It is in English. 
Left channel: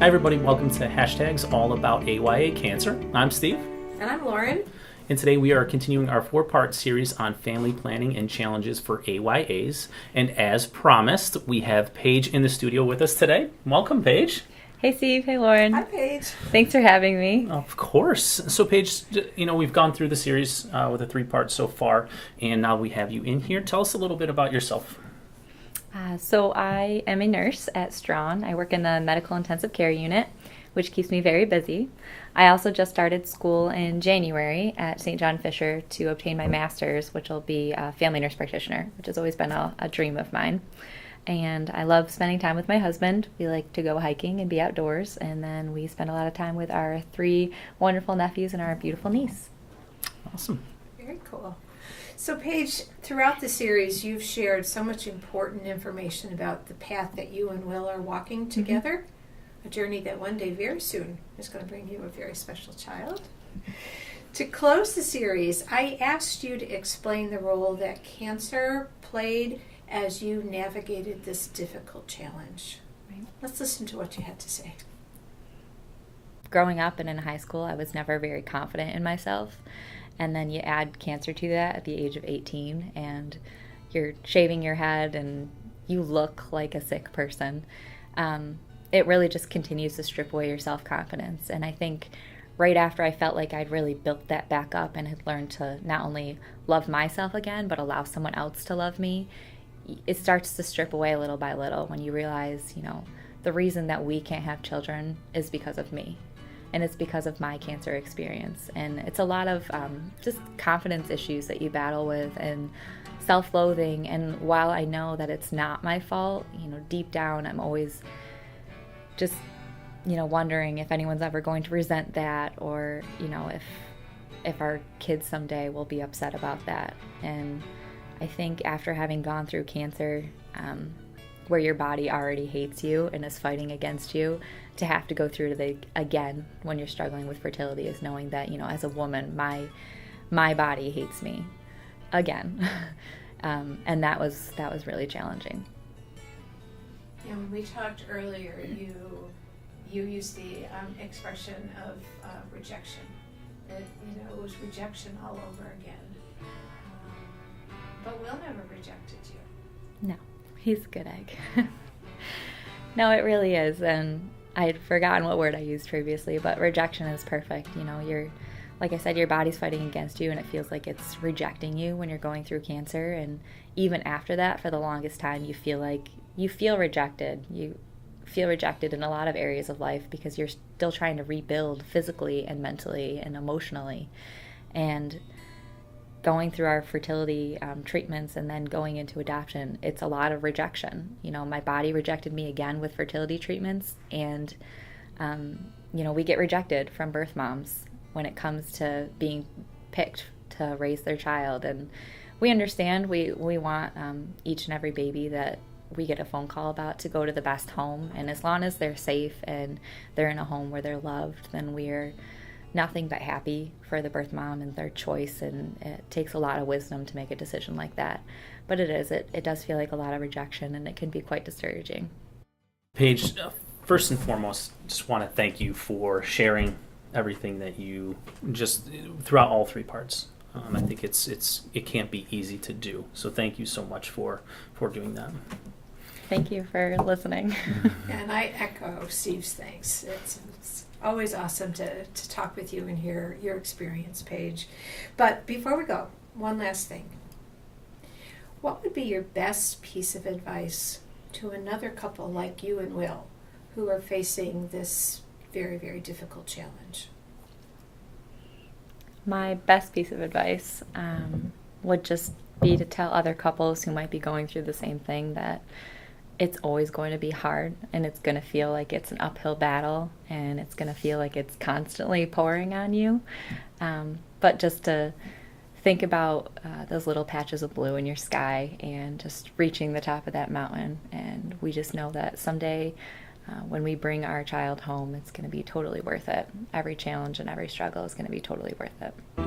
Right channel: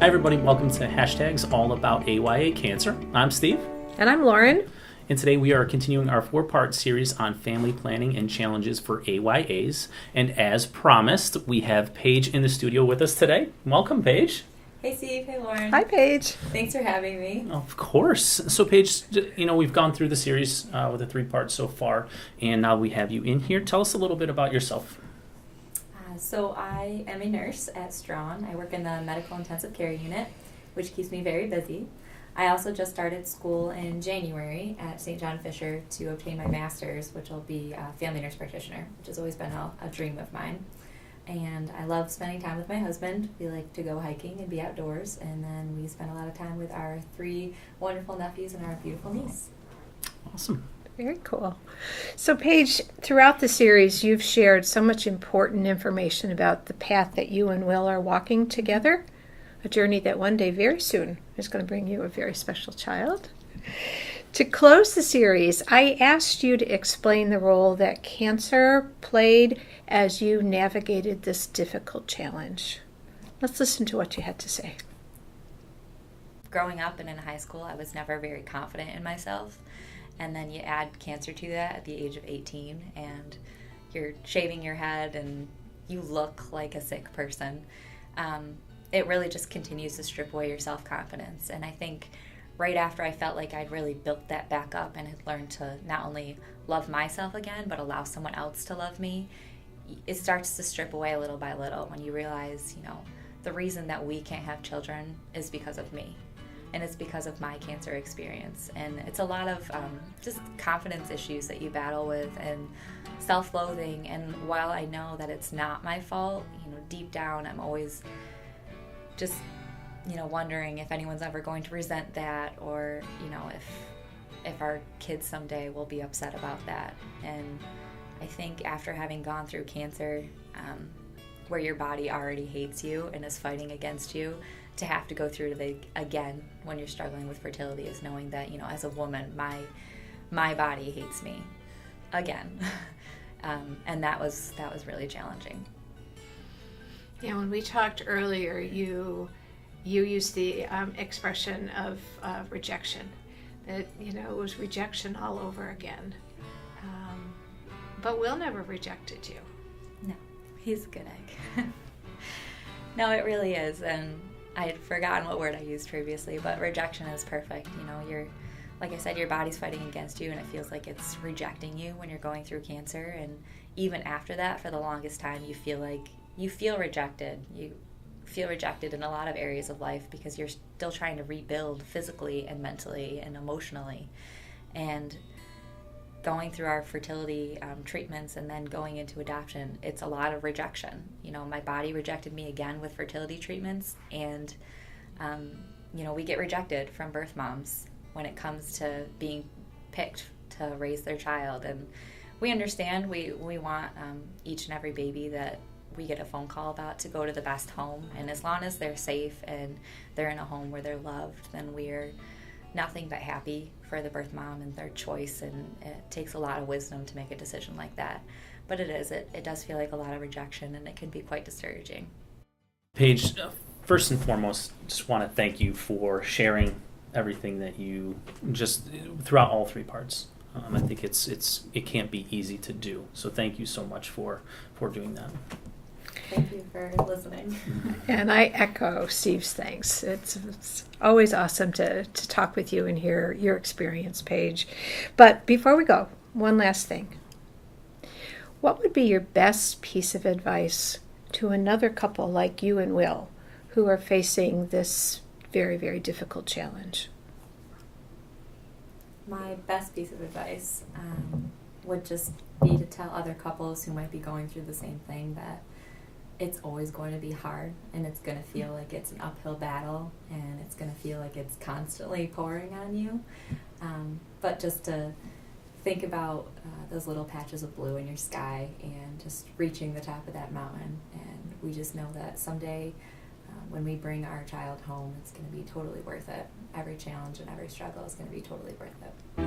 Hi everybody, welcome to Hashtags All About AYA Cancer. I'm Steve. And I'm Lauren. And today we are continuing our 4-part series on family planning and challenges for AYAs. And as promised, we have Paige in the studio with us today. Welcome, Paige. Hey Steve, hey Lauren. Hi Paige. Thanks for having me. Of course. So Paige, we've gone through the series with the 3 parts so far, and now we have you in here. Tell us a little bit about yourself. So I am a nurse at Strawn. I work in the medical intensive care unit, which keeps me very busy. I also just started school in January at St. John Fisher to obtain my master's, which will be a family nurse practitioner, which has always been a dream of mine. And I love spending time with my husband. We like to go hiking and be outdoors, and then we spend a lot of time with our 3 wonderful nephews and our beautiful niece. Awesome. Very cool. So Paige, throughout the series, you've shared so much important information about the path that you and Will are walking together, a journey that one day, very soon, is going to bring you a very special child. To close the series, I asked you to explain the role that cancer played as you navigated this difficult challenge. Let's listen to what you had to say. Growing up and in high school, I was never very confident in myself. And then you add cancer to that at the age of 18, and you're shaving your head and you look like a sick person. It really just continues to strip away your self-confidence. And I think right after I felt like I'd really built that back up and had learned to not only love myself again, but allow someone else to love me, it starts to strip away little by little when you realize, the reason that we can't have children is because of me. And it's because of my cancer experience. And it's a lot of just confidence issues that you battle with and self-loathing. And while I know that it's not my fault, deep down I'm always just, wondering if anyone's ever going to resent that, or, if our kids someday will be upset about that. And I think after having gone through cancer, where your body already hates you and is fighting against you, to have to go through again when you're struggling with fertility is knowing that, as a woman, my body hates me again. And that was really challenging. Yeah, when we talked earlier, you used the expression of rejection. That, it was rejection all over again. But Will never rejected you. No, he's a good egg. No, it really is. And I had forgotten what word I used previously, but rejection is perfect. You're, like I said, your body's fighting against you, and it feels like it's rejecting you when you're going through cancer. And even after that, for the longest time, you feel rejected. You feel rejected in a lot of areas of life because you're still trying to rebuild physically and mentally and emotionally. And going through our fertility treatments and then going into adoption, it's a lot of rejection. My body rejected me again with fertility treatments, and we get rejected from birth moms when it comes to being picked to raise their child. And we understand we want each and every baby that we get a phone call about to go to the best home, and as long as they're safe and they're in a home where they're loved, then we're nothing but happy for the birth mom and their choice. And it takes a lot of wisdom to make a decision like that, but it does feel like a lot of rejection, and it can be quite discouraging. Paige, First and foremost, just want to thank you for sharing everything that you just throughout all 3 parts. I think it can't be easy to do, so thank you so much for doing that. Thank you for listening. And I echo Steve's thanks. It's always awesome to talk with you and hear your experience, Paige. But before we go, one last thing. What would be your best piece of advice to another couple like you and Will who are facing this very, very difficult challenge? My best piece of advice would just be to tell other couples who might be going through the same thing that it's always going to be hard, and it's going to feel like it's an uphill battle, and it's going to feel like it's constantly pouring on you. But just to think about those little patches of blue in your sky and just reaching the top of that mountain. And we just know that someday when we bring our child home, it's going to be totally worth it. Every challenge and every struggle is going to be totally worth it.